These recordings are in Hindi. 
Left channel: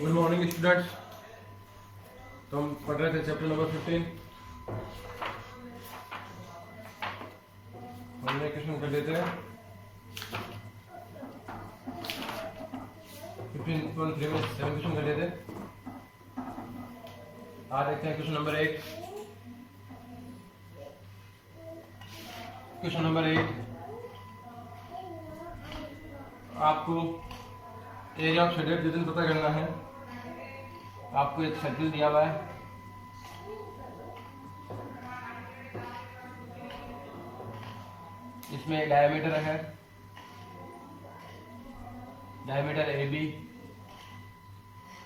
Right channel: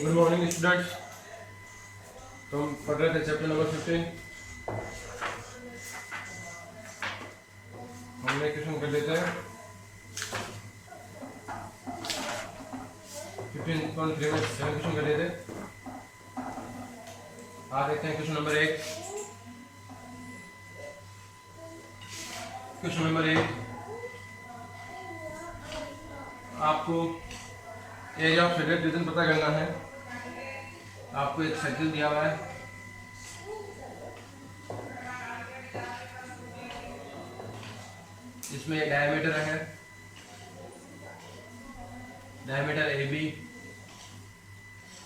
Good morning students. तो हम पढ़ रहे थे चैप्टर नंबर 15। हमने क्वेश्चन कर लेते हैं 15.3 में 7 क्वेश्चन कर लेते। आज देखते हैं क्वेश्चन नंबर 1। क्वेश्चन नंबर 1 आपको एरिया ऑफ शेडेड रीजन पता करना है। आपको एक सर्किल दिया हुआ है, इसमें एक डायमीटर है, डायमीटर ए बी,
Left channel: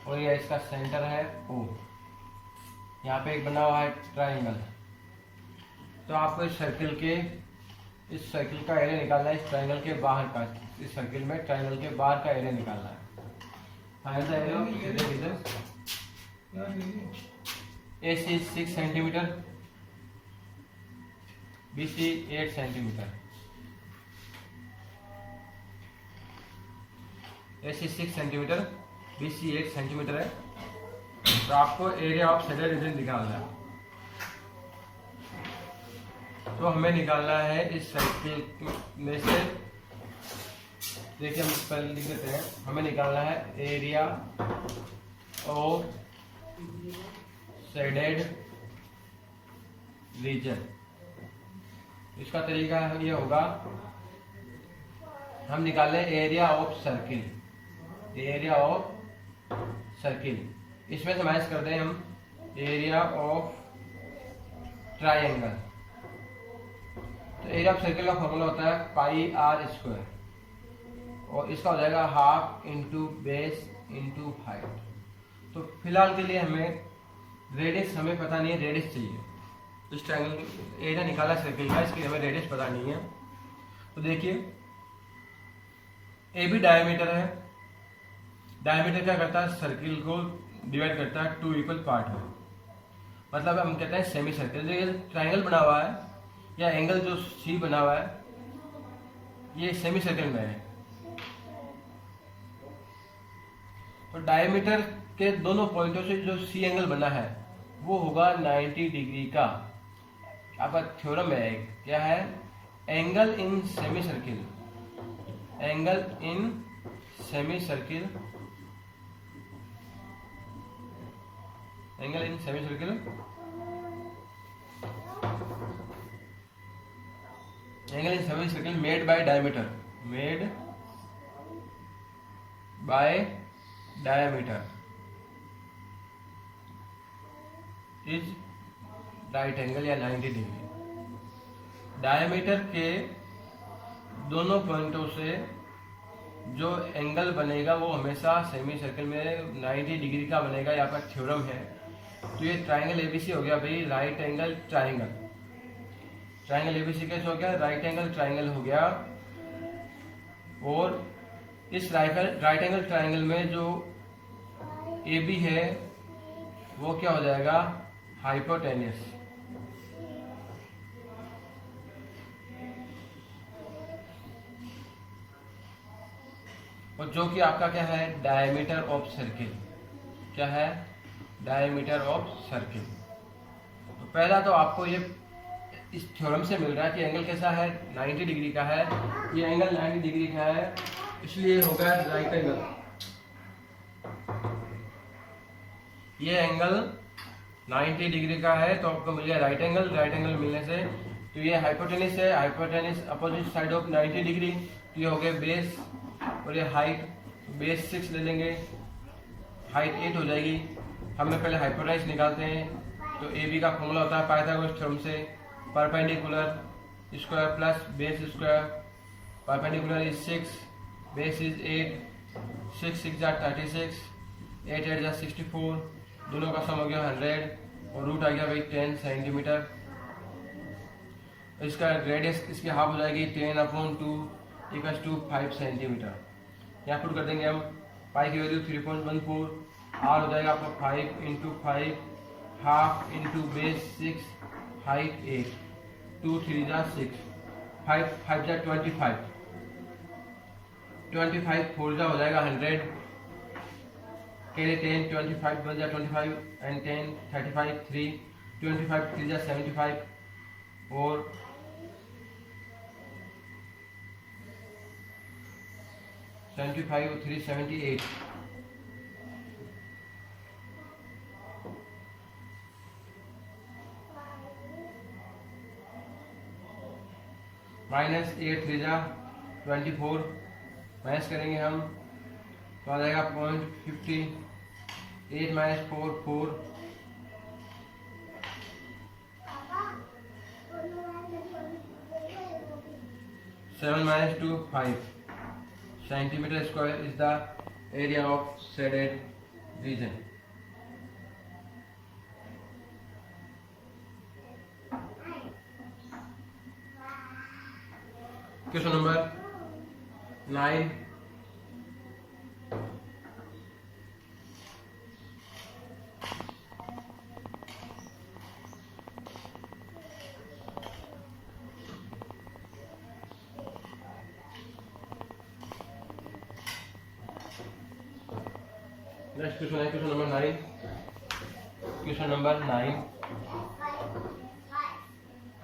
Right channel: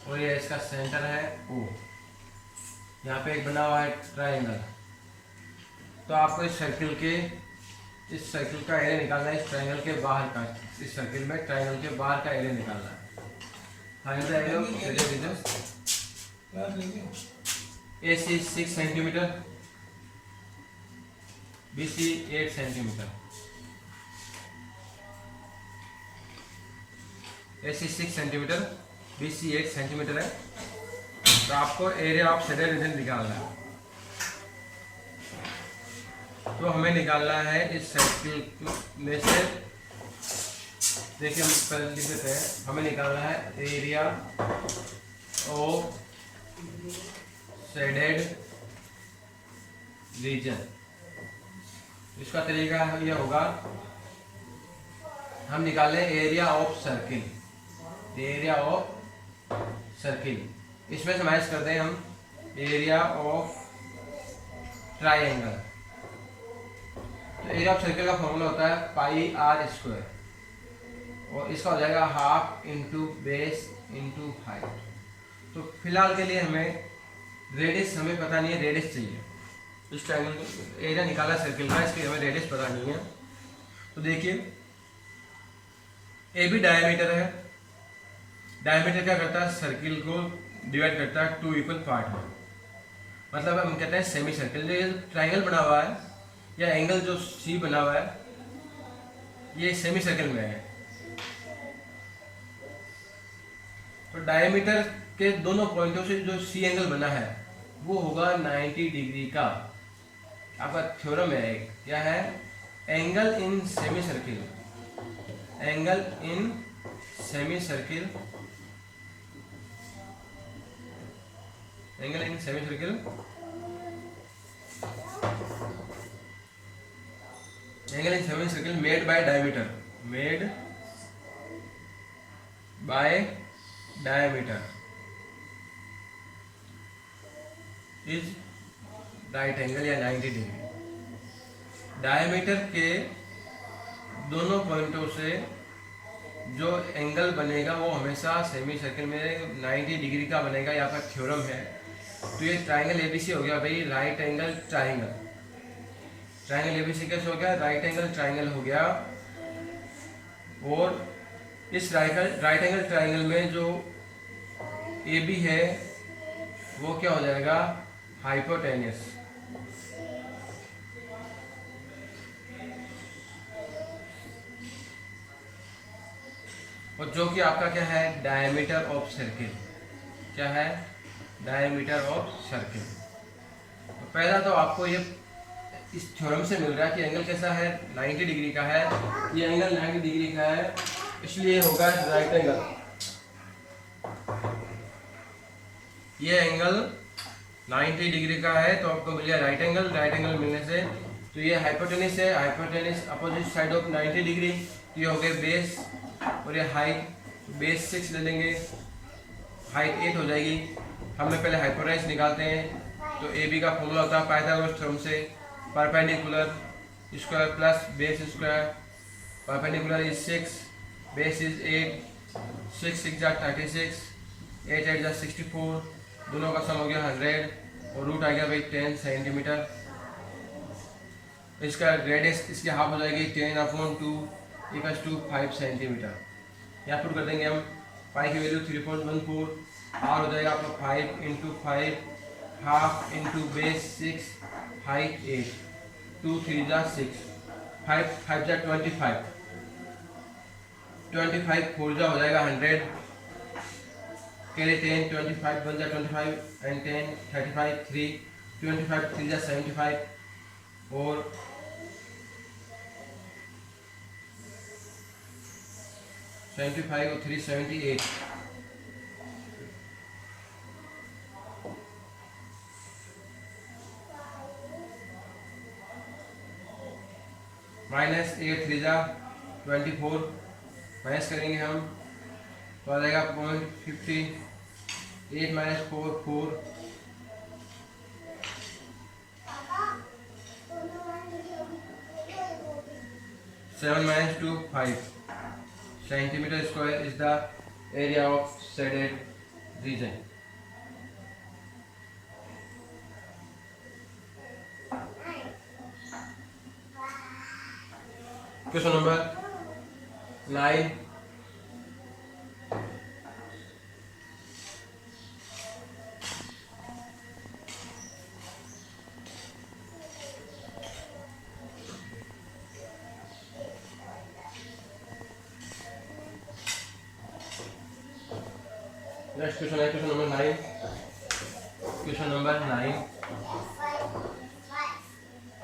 और ये इसका सेंटर है ओ। यहाँ पे एक बना हुआ है ट्राइंगल। तो आपको इस सर्किल का एरिया निकालना है, इस ट्राइंगल के बाहर का। इस सर्किल में ट्राइंगल के बाहर का एरिया निकालना है। Find the area of shaded region. AC 6 centimetre, BC 8 centimetre. AC 6 centimetre, BC 8 centimetre है। तो आपको एरिया ऑफ शेडेड रीजन निकालना है। तो हमें निकालना है इस सर्किल में से, देखिए हम पहले लिख देते हैं। हमें निकालना है एरिया ऑफ शेडेड रीजन। इसका तरीका यह होगा, हम निकालें area of circle, area of circle. इसमें से माइनस कर दें हम एरिया ऑफ ट्राइंगल। तो एरिया ऑफ सर्किल का फॉर्मूला होता है पाई आर स्क्वायर, और इसका हो जाएगा half into base into height. तो फिलहाल के लिए हमें रेडियस हमें पता नहीं है, रेडियस चाहिए। इस ट्रायंगल एरिया निकाला सर्किल का, इसकी हमें रेडियस पता नहीं है। तो देखिए ए बी डायमीटर है। डायमीटर क्या करता है, सर्किल को डिवाइड करता है 2 इक्वल पार्ट में। मतलब हम कहते हैं सेमी सर्किल। जो ये ट्रायंगल बना हुआ है या एंगल जो सी बना हुआ है, ये सेमी सर्किल में है। तो डायमीटर के दोनों पॉइंटों से जो सी एंगल बना है वो होगा 90 डिग्री का। आपका थ्योरम है, क्या है, angle in semi circle, angle in semi circle, angle in semi circle, angle in semi circle made by diameter, made by diameter is right angle या 90 डिग्री। डायमीटर के दोनों पॉइंटों से जो एंगल बनेगा वो हमेशा सेमी सर्किल में 90 डिग्री का बनेगा। यहाँ पर थ्योरम है। तो ये ट्राइंगल एबीसी हो गया भाई, right angle triangle. Triangle ABC कैसे हो गया, राइट एंगल ट्राइंगल हो गया। और इस राइट एंगल ट्राइंगल में जो ए बी है वो क्या हो जाएगा, हाइपोटेन्यूस। और जो कि आपका क्या है, डायमीटर ऑफ सर्किल। क्या है, डायमीटर ऑफ सर्किल। तो पहला तो आपको ये इस थ्योरम से मिल रहा है कि एंगल कैसा है, 90 डिग्री का है। ये एंगल 90 डिग्री का है, इसलिए होगा राइट एंगल। ये एंगल 90 डिग्री का है तो आपको मिल गया राइट एंगल। राइट एंगल मिलने से तो ये हाइपोटेनिस है, hypotenuse opposite side of 90 degree. तो ये हो गए बेस, और ये हाइट, बेस 6 ले लेंगे, हाइट 8 हो जाएगी। हमें पहले हाइपोटेनिस निकालते हैं। तो ए बी का फॉर्मूला होता है पाइथागोरस थ्योरम से, perpendicular square plus base square. Perpendicular is 6, base is 8, 6 6 जा 36, 8 8 जा 64, दोनों का सम हो गया 100, और रूट आ गया भाई 10 सेंटीमीटर। इसका रेडियस इसकी हाफ हो जाएगी 10/2 इक्वल्स टू 5 सेंटीमीटर। यहाँ पुट कर देंगे हम, पाई की वैल्यू 3.14, आर हो जाएगा आपका 5 into 5, half into base 6, height 8, 2 3 जा 6, 5 5 जा 25, 25 4 जा हो जाएगा 100, के लिए 10 25 बन जा 25 एंड 10 35 3 25 3 जा 75 और 75 और 3 78 माइनस 8 3 जा 24 माइनस करेंगे हम तो आ जाएगा 0.50 8 minus 4 4 7 minus 2 5 centimeter square is the area of shaded region. Question number 9. Next question है क्वेश्चन नंबर 9. क्वेश्चन नंबर 9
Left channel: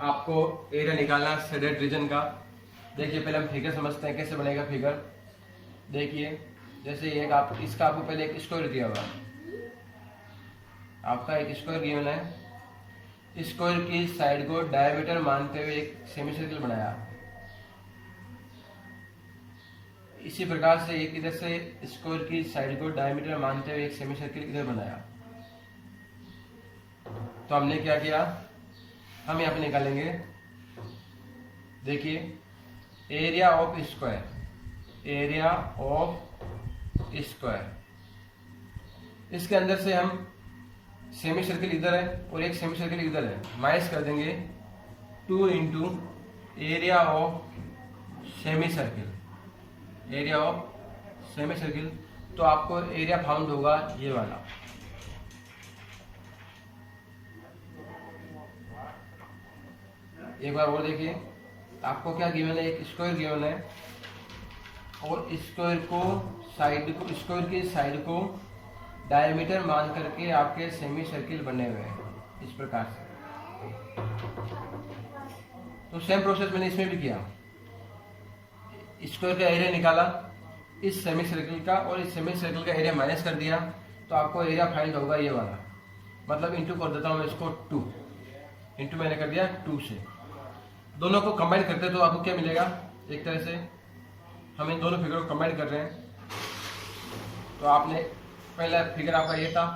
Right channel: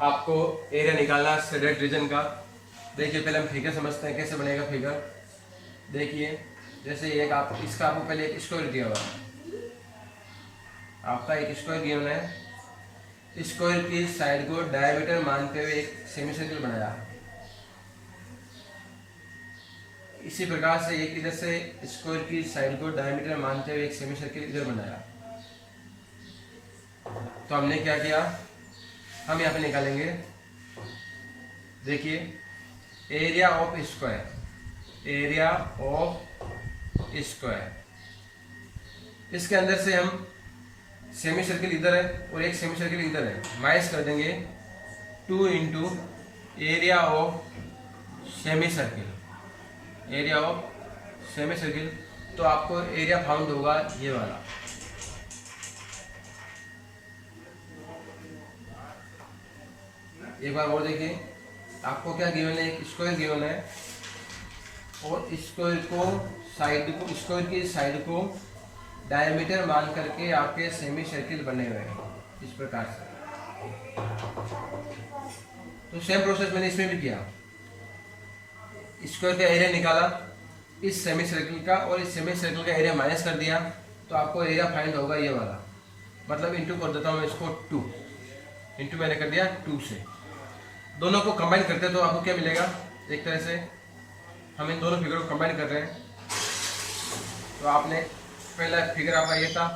आपको एरिया निकालना शेडेड रीजन का. देखिए पहले हम फिगर समझते हैं कैसे बनेगा फिगर. देखिए जैसे एक आप इसका आपको पहले एक स्क्वायर दिया हुआ है. आपका एक स्क्वायर गिवन है. स्क्वायर की साइड को डायमीटर मानते हुए एक सेमी सर्कल बनाया. इसी प्रकार से एक इधर से स्क्वायर की साइड को डायमीटर मानते हुए एक सेमी सर्कल इधर बनाया. तो हमने क्या किया, हम यहाँ पे निकालेंगे. देखिए area of square, area of square, इसके अंदर से हम सेमी सर्कल इधर है और एक सेमी सर्कल इधर है, माइनस कर देंगे 2 into area of semi circle, area of semi circle. तो आपको एरिया फाउंड होगा ये वाला. एक बार और देखिए, आपको क्या गिवन है, एक स्क्वायर गिवन है और स्क्वायर को स्क्वायर की साइड को डायमीटर मान करके आपके सेमी सर्कल बने हुए हैं इस प्रकार से. तो सेम प्रोसेस मैंने इसमें भी किया. स्क्वायर का एरिया निकाला इस सेमी सर्कल का और इस सेमी सर्कल का एरिया माइनस कर दिया. तो आपको एरिया फाइंड होगा ये वाला. मतलब इंटू कर देता हूँ मैं इसको 2 इंटू मैंने कर दिया 2 से. दोनों को कंबाइन करते तो आपको क्या मिलेगा, एक तरह से हम इन दोनों फिगर को कंबाइन कर रहे हैं. तो आपने पहला फिगर आपका ये था,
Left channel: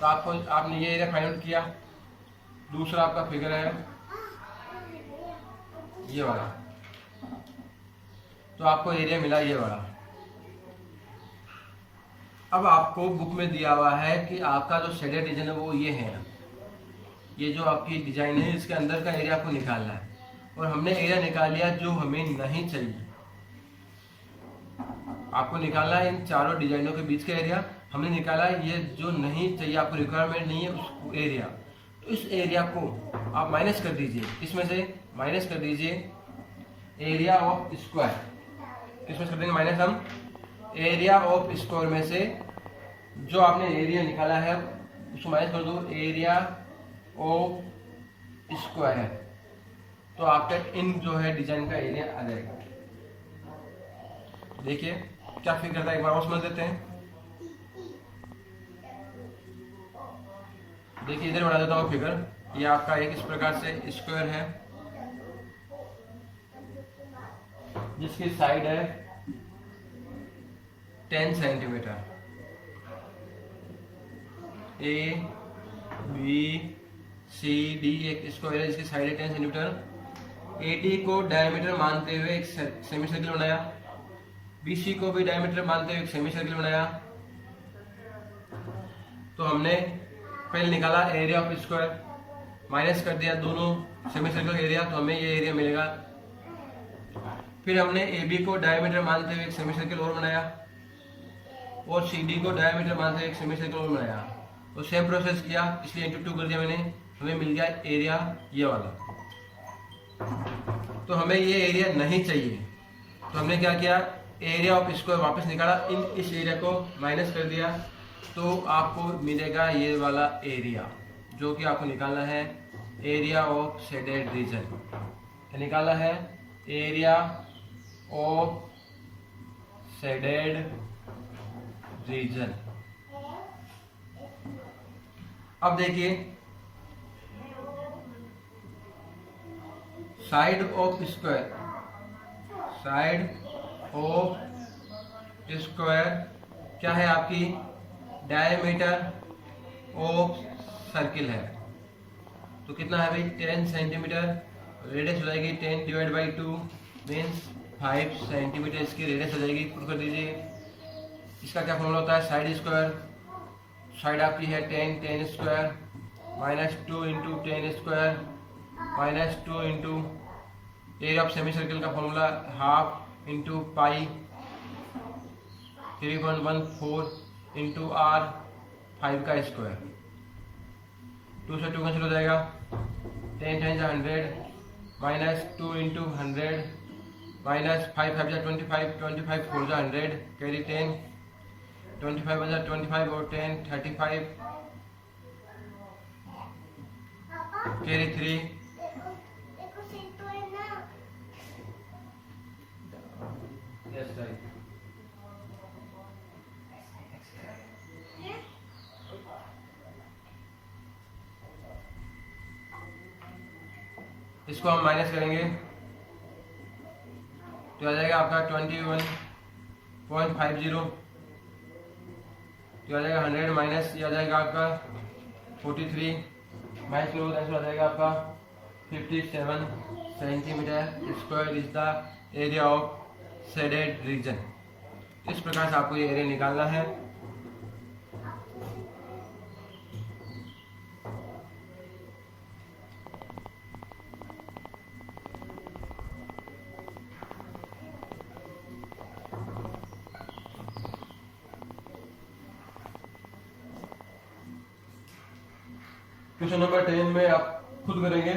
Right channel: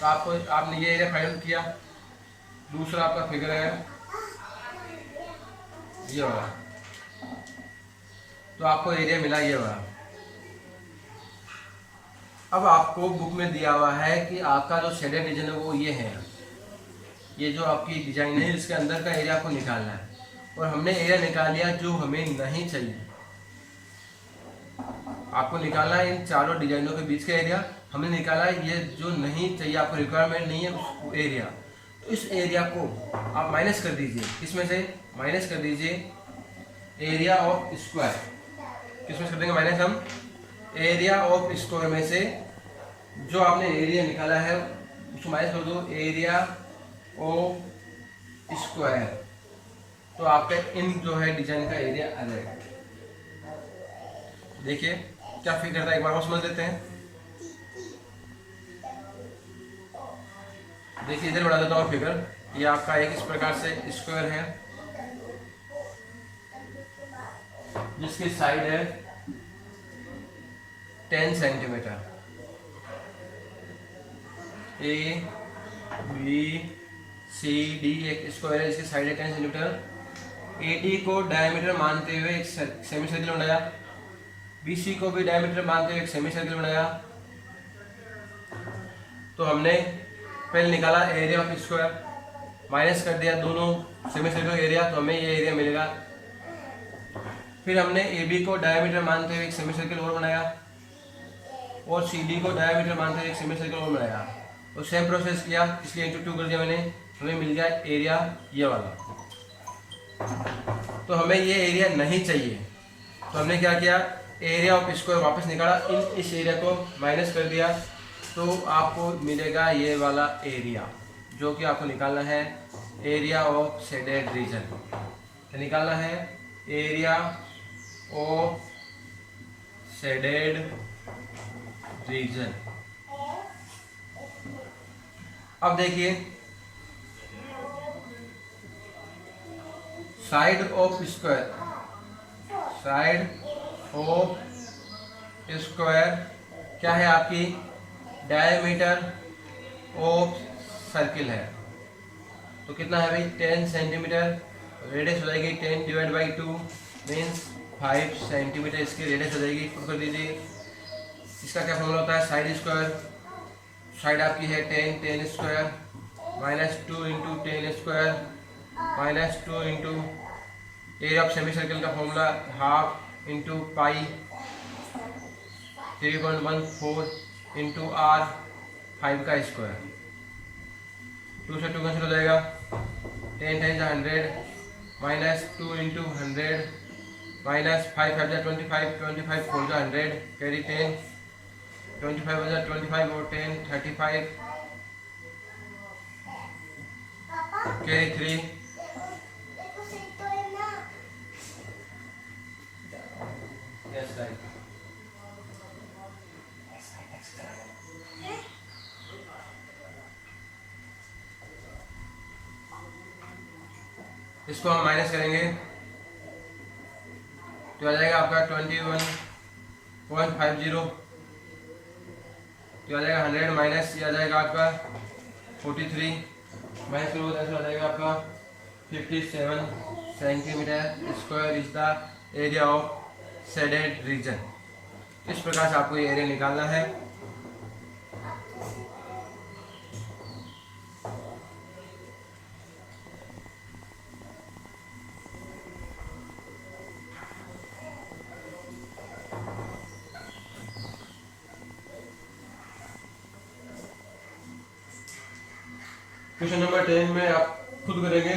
तो आपने ये एरिया फाइंड किया. दूसरा आपका फिगर है ये वाला, तो आपको एरिया मिला ये वाला. अब आपको बुक में दिया हुआ है कि आपका जो शेडेड रीजन है वो ये है. ये जो आपकी डिजाइन है इसके अंदर का एरिया आपको निकालना है. और हमने एरिया निकाल लिया जो हमें नहीं चाहिए. आपको निकालना है इन चारों डिजाइनों के बीच का एरिया. हमने निकाला है ये जो नहीं चाहिए, आपको रिक्वायरमेंट नहीं है उस एरिया. तो इस एरिया को आप माइनस कर दीजिए. इसमें से माइनस कर दीजिए एरिया ऑफ स्क्वायर. किसमें कर देंगे माइनस हम, एरिया ऑफ स्क्वायर में से जो आपने एरिया निकाला है उसको माइनस कर दो एरिया ऑफ स्क्वायर. तो आपका इन जो है डिजाइन का एरिया आ जाएगा. देखिए क्या फिगर था, एक बार और समझ लेते हैं. देखिए इधर बना देता हूँ फिगर. ये आपका एक इस प्रकार से स्क्वायर है जिसकी साइड है 10 centimetre. A B C D एक स्क्वायर है जिसकी साइड है 10 सेंटीमीटर. ए डी को डायमीटर मानते हुए एक सेमी सर्कल बनाया. बी सी को भी डायमीटर मानते हुए एक सेमी सर्कल बनाया. तो हमने पहले निकाला एरिया ऑफ स्क्वायर, माइनस कर दिया दोनों सेमी सर्कल का एरिया, तो हमें ये एरिया मिलेगा. फिर हमने ए बी को डायमीटर मानते हुए एक सेमी सर्कल और बनाया और सी डी को डायमीटर मानते हुए एक सेमी सर्कल और बनाया. और सेम प्रोसेस किया, इसलिए इंटू 2 कर दिया मैंने. हमें मिल गया एरिया ये वाला. तो हमें ये एरिया नहीं चाहिए, तो हमने क्या किया, एरिया ऑफ स्क्वायर वापस निकाला, इस एरिया को माइनस कर दिया, तो आपको मिलेगा ये वाला एरिया, जो कि आपको निकालना है एरिया ऑफ शेडेड रीजन। निकालना है एरिया ऑफ शेडेड रीजन। अब देखिए, side of square, side of square क्या है आपकी, डायमीटर ऑफ सर्किल है। तो कितना है भाई, 10 सेंटीमीटर। रेडियस हो जाएगी 10 डिवाइड बाई 2 मीन्स 5 सेंटीमीटर इसकी रेडियस हो जाएगी। पुट कर दीजिए। इसका क्या फॉर्मूला होता है, साइड स्क्वायर, साइड आपकी है 10, 10 square minus 2 into 10 square minus 2 into area of semi circle का formula half into pi 3.14 into R 5 का स्क्वायर। 2 से 2 कैंसिल हो जाएगा, 10 times 100 minus 2 into 100 minus 5 5 25 25 4 100 carry 10 25 25 और 10 35 कैरी 3 यस राइट। इसको हम माइनस करेंगे तो आ जाएगा आपका 21.50, तो आ जाएगा 100 माइनस ये आ जाएगा आपका 43 माइनस करोगे तो आ जाएगा आपका 57 centimetre square is the area of shaded region. इस प्रकार से आपको ये एरिया निकालना है। क्वेश्चन नंबर 10 में आप खुद करेंगे,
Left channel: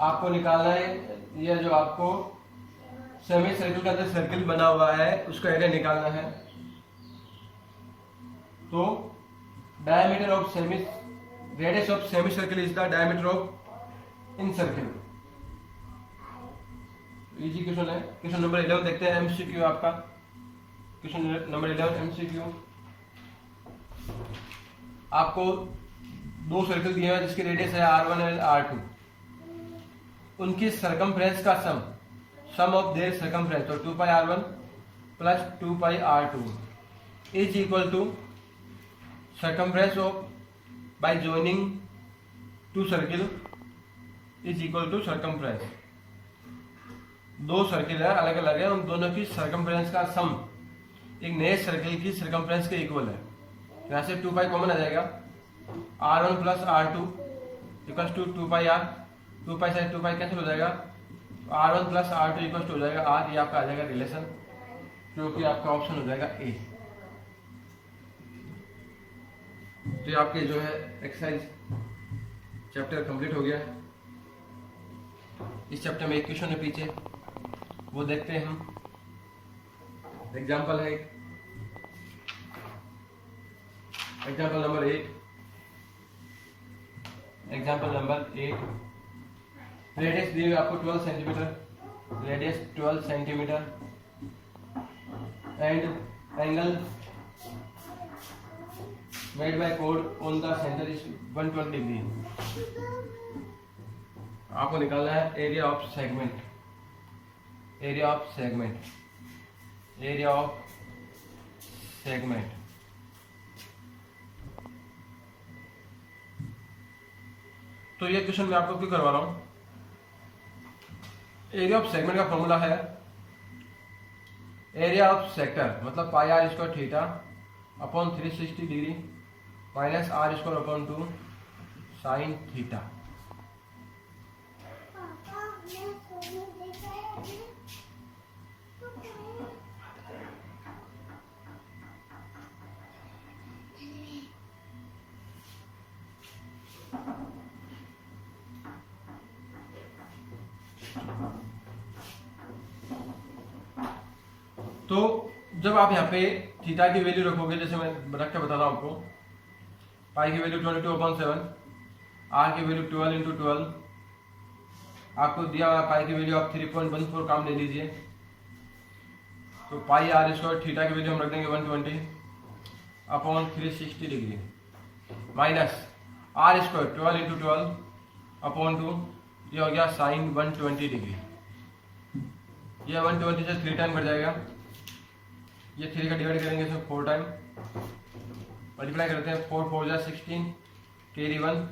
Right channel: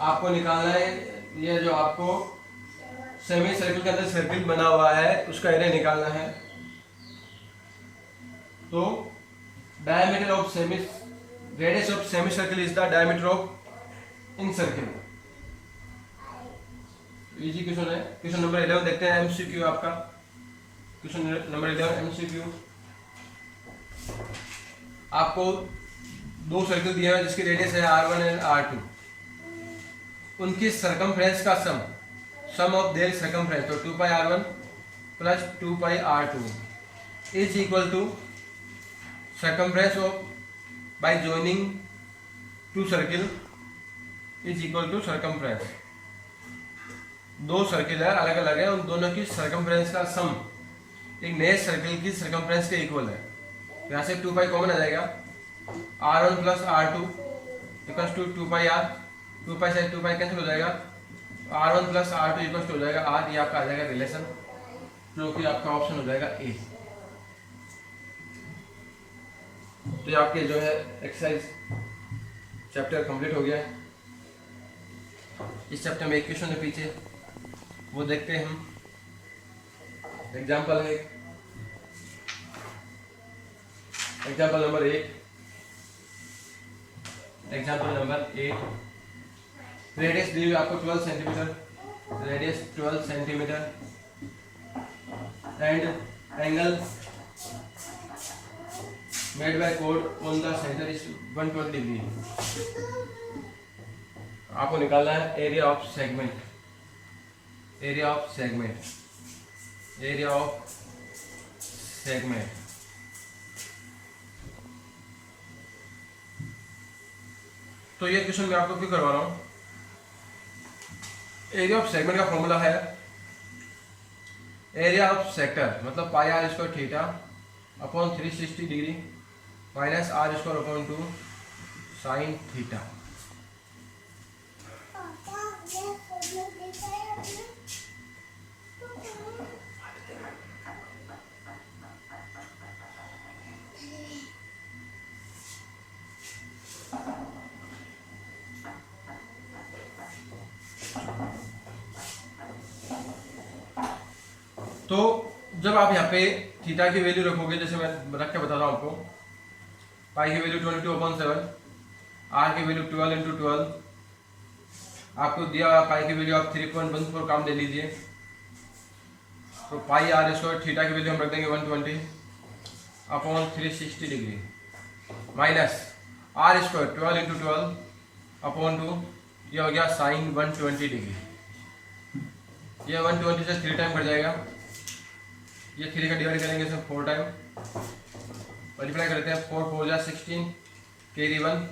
आपको निकालना है ये जो आपको सेमी सर्किल के अंदर सर्किल बना हुआ है उसका एरिया निकालना है। तो diameter of semi, radius of semi circle is the diameter of in circle. Easy question है। क्वेश्चन नंबर 11 देखते हैं, एमसीक्यू आपका। Question number 11 MCQ. आपको दो सर्किल दिए हैं जिसकी रेडियस है R1 एंड R2, उनकी सरकमफ्रेंस का सम ऑफ देयर सरकमफ्रेंस, तो 2 pi R1 plus 2 pi R2 is equal to circumference of by joining two circle is equal to circumference. दो सर्किल है अलग अलग है, उन दोनों की सरकमफ्रेंस का सम एक नए सर्किल की सरकमफ्रेंस के इक्वल है। यहाँ से 2 पाई कॉमन आ जाएगा, R1 plus R2 equals to 2 pi R, 2 pi से 2 पाई कैंसिल हो जाएगा, R1 plus R2 equals to हो जाएगा R, ये आपका आ जाएगा रिलेशन, जो कि आपका ऑप्शन हो जाएगा ए। तो ये आपके जो है एक्सरसाइज चैप्टर कंप्लीट हो गया है। इस चैप्टर में एक क्वेश्चन है पीछे, वो देखते हैं हम। एग्जाम्पल है, example number 8, example number 8। Radius दी हुई आपको 12 centimetre, radius 12 centimetre and angle made by कोड on the centre is 120 degree. आपको निकालना है area of segment, area of segment, area of segment. तो ये क्वेश्चन मैं आपको क्यों करवा रहा हूं, एरिया ऑफ सेगमेंट का फॉर्मूला है एरिया ऑफ सेक्टर मतलब pi R square theta upon 360 degree minus are square upon 2 sine theta. तो जब आप यहाँ पे थीटा की वैल्यू रखोगे, जैसे मैं रख के बताता हूँ आपको, पाई की वैल्यू 22/7, आर की वैल्यू 12 × 12, आपको दिया हुआ पाई की वैल्यू आप 3.14 काम ले लीजिए। तो पाई आर स्क्वायर थीटा की वैल्यू हम रख देंगे 120/360 डिग्री माइनस आर स्क्वायर 12 × 12/2, ये हो गया साइन 120 डिग्री। ये 120 से 3 टाइम कट जाएगा, ये 3 का डिवाइड करेंगे इसमें 4 टाइम, मल्टीप्लाई करते हैं 4 4 जा 16, कैरी 1,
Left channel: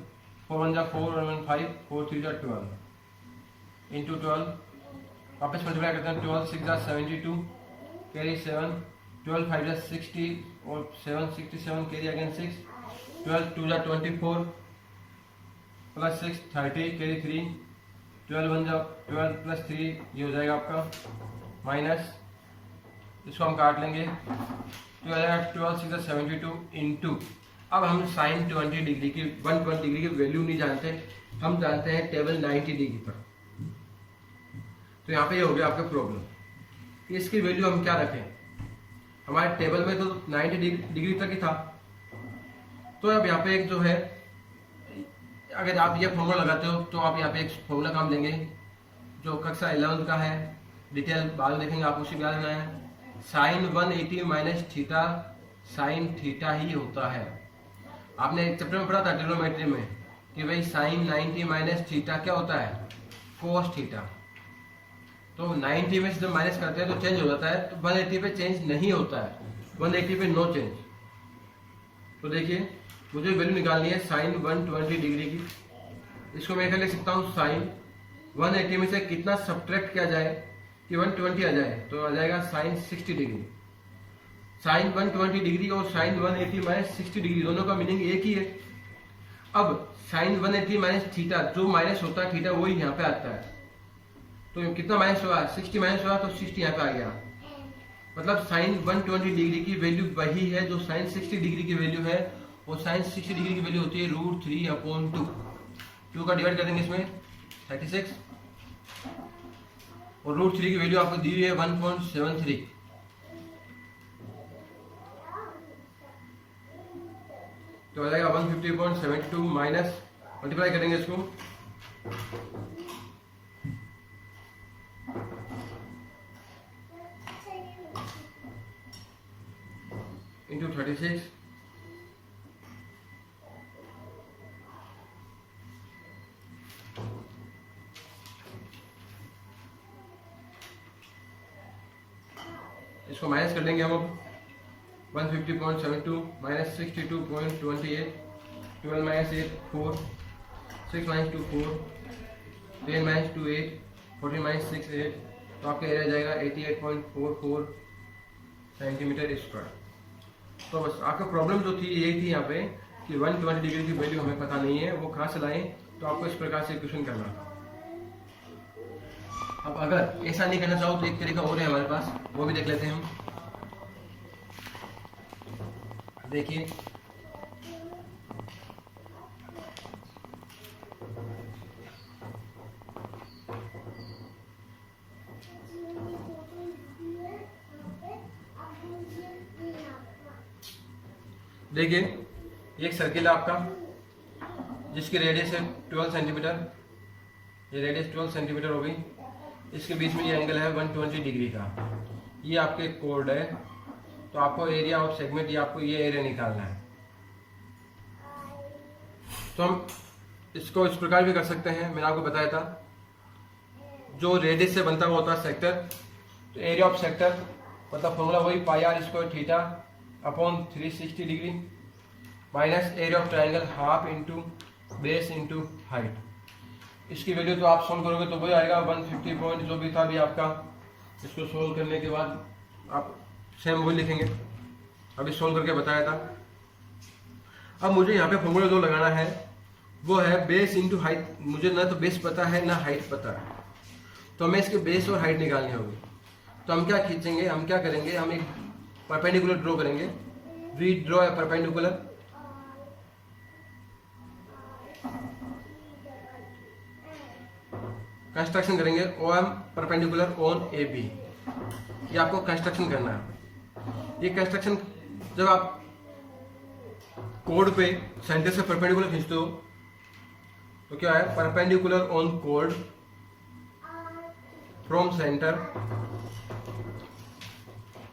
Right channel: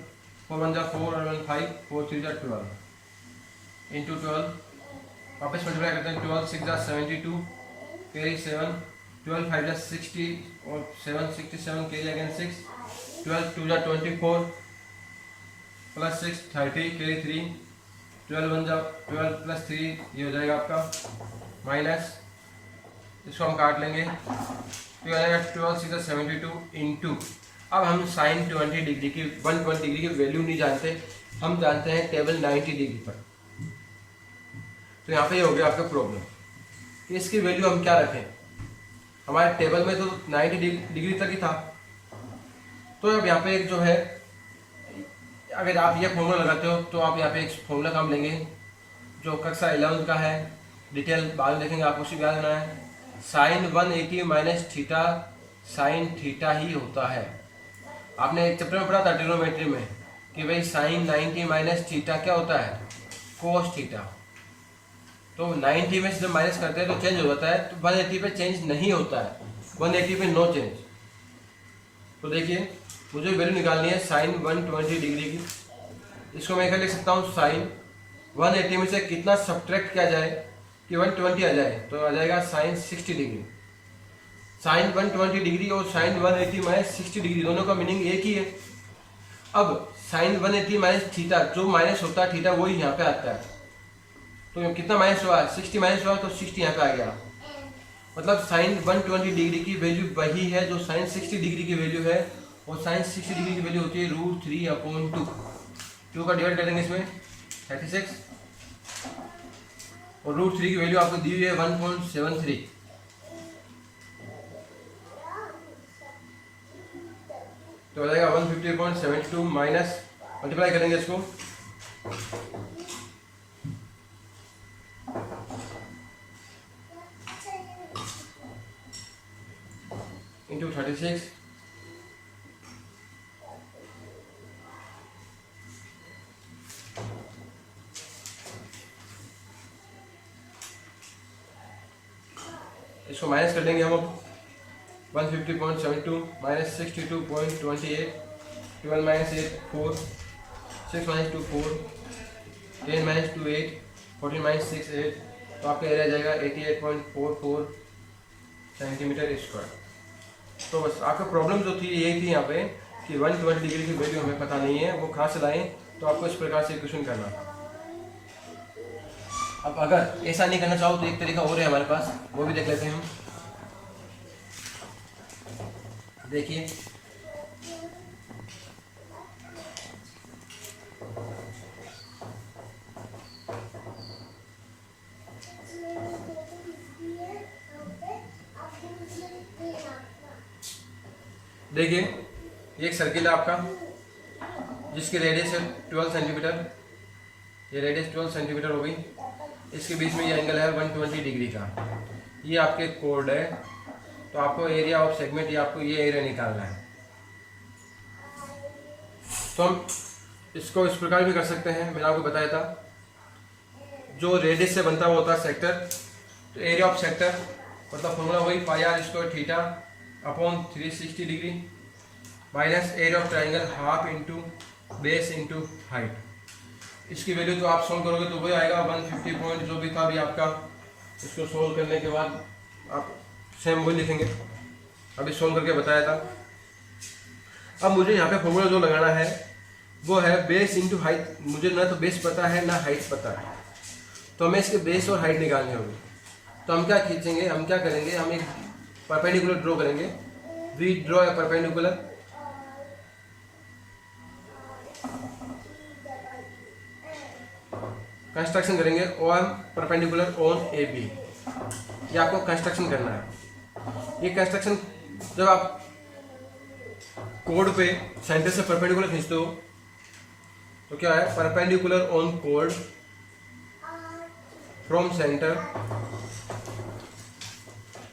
4 1 जा 4 और 1 5, 4 3 जा 12 इंटू 12, वापस मल्टीप्लाई करते हैं 12 6 जा 72, कैरी 7, 12 5 जा 60 और 7 67, कैरी अगेन 6, 12 2 जा 24 प्लस 6 30, कैरी 3, 12 1 जा 12 प्लस 3, ये हो जाएगा आपका माइनस, इसको हम काट लेंगे तो ये हो जाएगा 12 6 जा 72 इंटू, अब हम साइन 20 डिग्री की 120 डिग्री की वैल्यू नहीं जानते, हम जानते हैं टेबल 90 डिग्री पर। तो यहाँ पे ये हो गया आपका प्रॉब्लम कि इसकी वैल्यू हम क्या रखें। हमारे टेबल में तो 90 डिग्री तक ही था, तो अब यहाँ पे एक जो है, अगर आप ये फॉर्मूला लगाते हो तो आप यहाँ पे एक फॉर्मूला काम लेंगे जो कक्षा 11 का है, डिटेल बाद में देखेंगे, आपको उसी याद करना है। Sine 180 minus theta sine theta ही होता है। आपने एक चैप्टर में पढ़ा था ट्रिग्नोमेट्री में कि भाई साइन 90 माइनस थीटा क्या होता है, कोस थीटा। तो 90 में से जब माइनस करते हैं तो चेंज हो जाता है, तो 180 पे चेंज नहीं होता है, 180 पे नो चेंज। तो देखिए मुझे वैल्यू निकालनी है साइन 120 डिग्री की, इसको मैं क्या लिख सकता हूँ, साइन 180 में से कितना सब्ट्रैक्ट किया जाए कि 120 आ जाए, तो आ जाएगा साइन 60 डिग्री। साइन 120 डिग्री और साइन 180 माइनस 60 डिग्री दोनों का मीनिंग एक ही है। अब साइन 180 माइनस थीटा, जो माइनस होता है थीटा वही यहाँ पे आता है, तो कितना माइनस हुआ, 60 माइनस हुआ तो 60 यहाँ पे आ गया। मतलब साइन 120 डिग्री की वैल्यू वही है जो साइन 60 डिग्री की वैल्यू है, और साइन 60 डिग्री की वैल्यू होती है √3/2। 2 का डिवाइड कर देंगे इसमें 36, और √3 की वैल्यू आपको दी हुई है 1.73, तो हो जाएगा 150.72 माइनस, मल्टीप्लाई करेंगे इसको इंटू 36, इसको माइनस कर लेंगे हम अब 150.72 minus 62.28, 12 minus 8 4, 6 minus 2 4, 10 minus 2 8, 14 minus 6 8, तो आपका एरिया जाएगा 88.44 सेंटीमीटर स्क्वायर। तो बस आपका प्रॉब्लम जो थी यही थी यहाँ पे कि 120 डिग्री की वैल्यू हमें पता नहीं है, वो कहाँ से लाएं, तो आपको इस प्रकार से क्वेश्चन करना था। अब अगर ऐसा नहीं करना चाहो तो एक तरीका और है हमारे पास, वो भी देख लेते हैं हम। देखिए देखिए ये एक सर्किल है आपका जिसकी रेडियस है 12 सेंटीमीटर, ये रेडियस 12 सेंटीमीटर हो गई, इसके बीच में ये एंगल है 120 डिग्री का, ये आपके कोड है। तो आपको एरिया ऑफ सेगमेंट, ये आपको ये एरिया निकालना है। तो हम इसको इस प्रकार भी कर सकते हैं, मैंने आपको बताया था जो रेडियस से बनता हुआ होता है सेक्टर, तो एरिया ऑफ सेक्टर मतलब फॉर्मूला वही πr² theta upon 360 degree minus area of triangle half into base into height. इसकी वैल्यू तो आप सोल्व करोगे तो वही आएगा 150 पॉइंट जो भी था अभी आपका। इसको सोल्व करने के बाद आप सेम वही लिखेंगे, अभी सोल्व करके बताया था। अब मुझे यहाँ पे फॉर्मूला जो लगाना है वो है बेस इंटू हाइट। मुझे ना तो बेस पता है ना हाइट पता है, तो हमें इसके बेस और हाइट निकालनी होगी। तो हम क्या खींचेंगे, हम क्या करेंगे, हम एक परपेंडिकुलर ड्रॉ करेंगे। We draw a perpendicular, construction करेंगे OM परपेंडिकुलर ऑन AB। ये आपको कंस्ट्रक्शन करना है। ये कंस्ट्रक्शन जब आप कोड पे सेंटर से परपेंडिकुलर खींचते हो तो क्या है, perpendicular on code from centre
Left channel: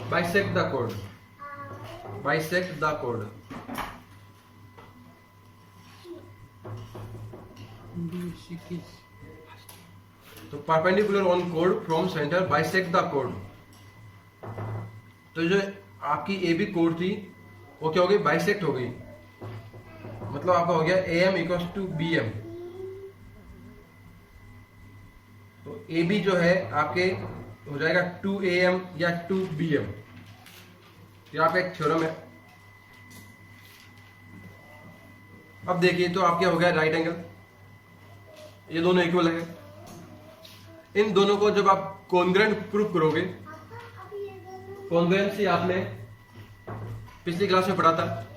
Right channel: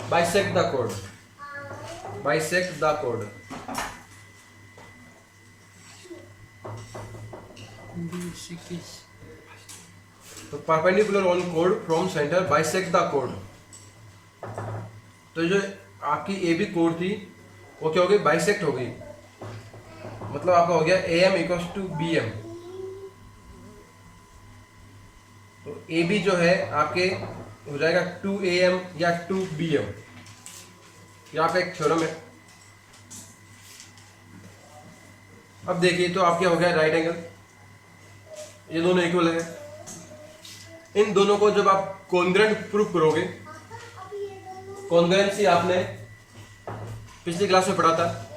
bisect the code, bisect the code. तो perpendicular on code from centre bisect the code. तो जो आपकी ए बी कोड थी वो क्या हो गई, बाइसेक्ट हो गई, मतलब आपका हो गया A M equals to B M. तो ए बी जो है आपके हो जाएगा 2am या 2bm। ये आपका एक थ्योरम है। अब देखिए तो आपके हो गया राइट एंगल, ये दोनों इक्वल है। इन दोनों को जब आप कॉन्ग्रुएंट प्रूफ करोगे, कॉन्ग्रुएंसी आपने पिछली क्लास में पढ़ा था,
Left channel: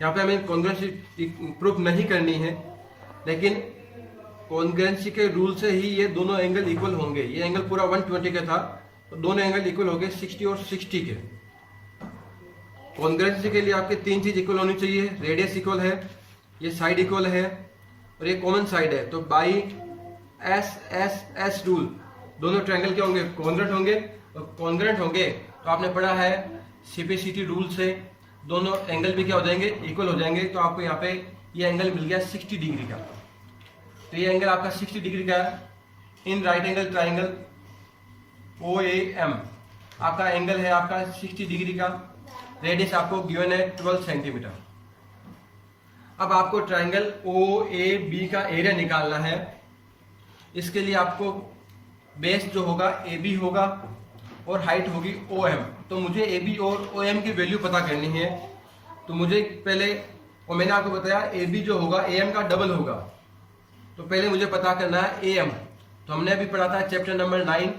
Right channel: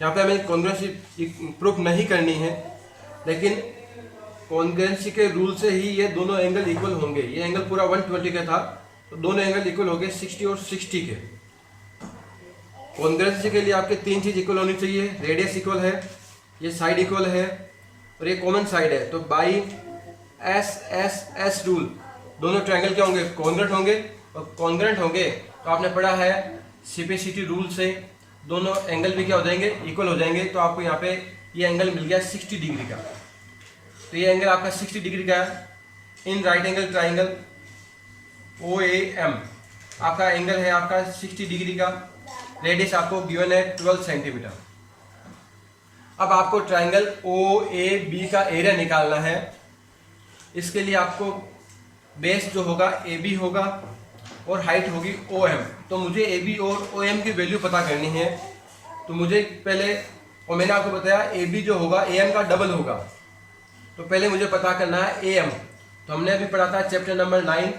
यहाँ पे हमें कॉन्ग्रुएंसी प्रूफ नहीं करनी है, लेकिन कॉन्ग्रुएंसी के रूल से ही ये दोनों एंगल इक्वल होंगे। ये एंगल पूरा 120 का था, तो दोनों एंगल इक्वल हो गए 60 और 60 के। कॉन्ग्रुएंसी के लिए आपके तीन चीज इक्वल होनी चाहिए, रेडियस इक्वल है, ये साइड इक्वल है और ये कॉमन साइड है। तो by S S S rule दोनों ट्रायंगल क्या होंगे, कॉन्ग्रुएंट होंगे। और कॉन्ग्रुएंट होंगे तो आपने पढ़ा है सीपीसीटी रूल से दोनों एंगल भी क्या हो जाएंगे, इक्वल हो जाएंगे। तो आपको यहाँ पे ये एंगल मिल गया 60 डिग्री का। तो ये एंगल आपका 60 डिग्री का है। In right angle triangle O A M आपका एंगल है आपका 60 डिग्री का। रेडियस आपको गिवन है 12 सेंटीमीटर। अब आपको ट्राइंगल ओ ए बी का एरिया निकालना है। इसके लिए आपको बेस जो होगा ए बी होगा और हाइट होगी ओ एम। तो मुझे ए बी और ओ एम की वैल्यू पता करनी है। तो मुझे पहले, और मैंने आपको बताया ए बी जो होगा ए एम का डबल होगा, तो पहले मुझे पता करना है ए एम। तो हमने अभी पढ़ा था chapter number 9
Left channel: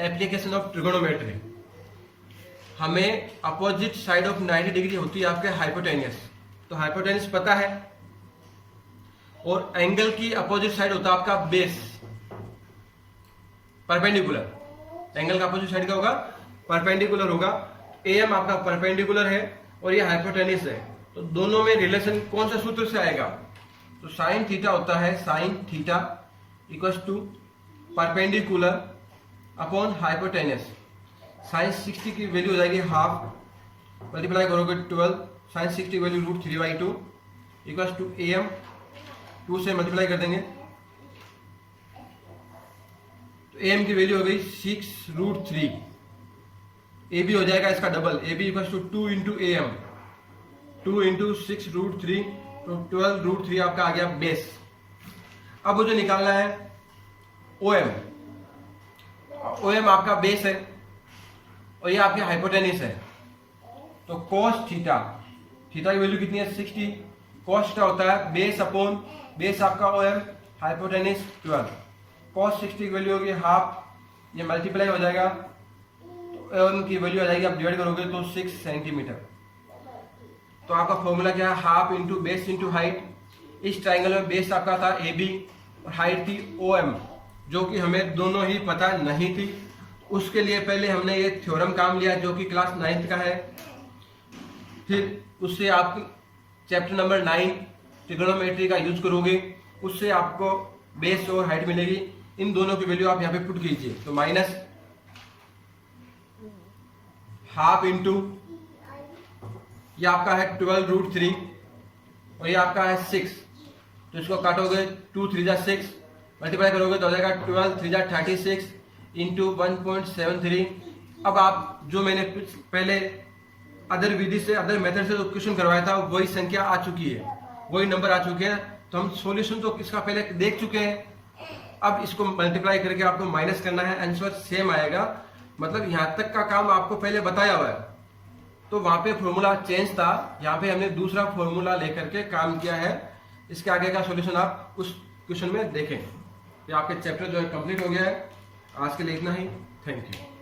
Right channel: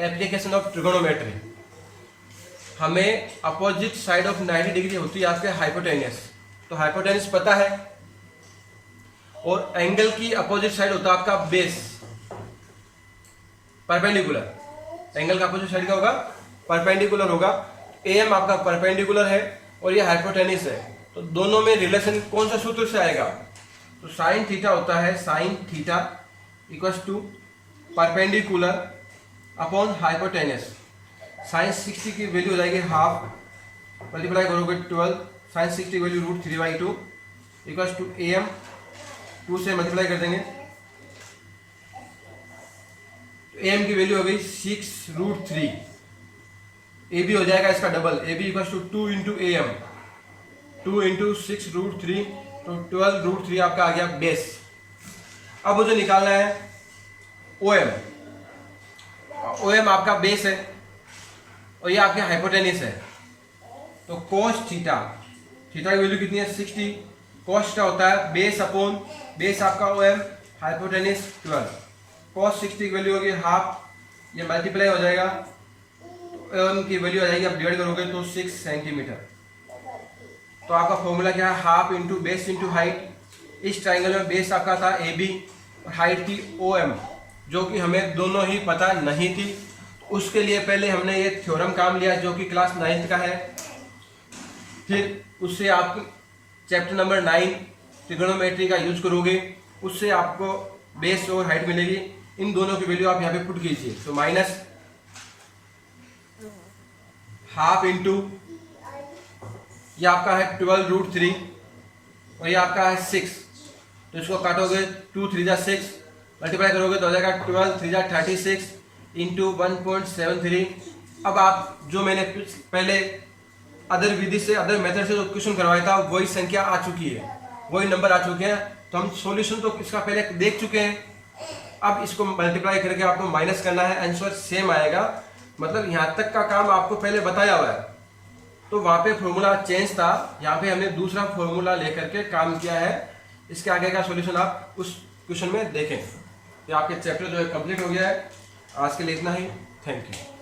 application of trigonometry. हमें अपोजिट साइड ऑफ 90 डिग्री होती है आपके हाइपोटेनियस। तो हाइपोटेनियस पता है, और एंगल की अपोजिट साइड होता है आपका बेस, परपेंडिकुलर। एंगल का अपोजिट साइड का होगा परपेंडिकुलर होगा। ए एम आपका परपेंडिकुलर है और ये हाइपोटेनियस है। तो दोनों में रिलेशन कौन सा सूत्र से आएगा, तो साइन थीटा होता है, sine theta equals to perpendicular upon hypotenuse. Sine 60 की वैल्यू हो जाएगी हाफ, मल्टीप्लाई करोगे 12, साइन 60 की value √3/2 equals to A M. 2 से मल्टीप्लाई कर देंगे तो ए एम की वैल्यू हो गई 6√3। ए बी हो जाएगा इसका double, A B equals to 2 into A M, 2 into 6√3, तो 12√3 आपका आ गया बेस। अब मुझे निकालना है ओ एम। ओ एम आपका बेस है और ये आपके हाइपोटेनियस है। तो कोस थीटा, थीटा की वैल्यू कितनी है 60, कोस थीटा होता है बेस अपॉन बेस आपका ओ एम, हाइपोटेनियस 12। कोस 60 की वैल्यू होगी हाफ, ये मल्टीप्लाई हो जाएगा तो ओ एम की वैल्यू आ जाएगी, आप डिवाइड करोगे तो 6 सेंटीमीटर। तो आपका फॉर्मूला क्या है, half into base into height. इस ट्राइंगल में बेस आपका था ए बी और हाइट थी ओ एम, जो कि हमें दोनों ही पता नहीं थी। उसके लिए पहले हमने ये थ्योरम काम लिया जो कि क्लास 9th का है। फिर उससे आप चैप्टर नंबर 9 ट्रिगोनोमेट्री का यूज करोगे, उससे आपको बेस और हाइट मिलेगी। इन दोनों की वैल्यू आप यहाँ पे पुट कीजिए। तो माइनस हाफ इंटू ये आपका है 12√3 और ये आपका है 6। तो इसको काटोगे 2 3 जा 6, मल्टीप्लाई करोगे तो हो जाएगा 12 3 जा 36 इंटू 1.73। अब आप जो मैंने पहले अदर विधि से, अदर मेथड से जो क्वेश्चन करवाया था वही संख्या आ चुकी है, वही नंबर आ चुके हैं। तो हम सॉल्यूशन तो इसका पहले देख चुके हैं। अब इसको मल्टीप्लाई करके आपको माइनस करना है, आंसर सेम आएगा। मतलब यहाँ तक का काम आपको पहले बताया हुआ है। तो वहाँ पे फॉर्मूला चेंज था, यहाँ पे हमने दूसरा फॉर्मूला लेकर के काम किया है। इसके आगे का सॉल्यूशन आप उस क्वेश्चन में देखें। ये आपके चैप्टर जो है कंप्लीट हो गया है। आज के लिए इतना ही, थैंक यू।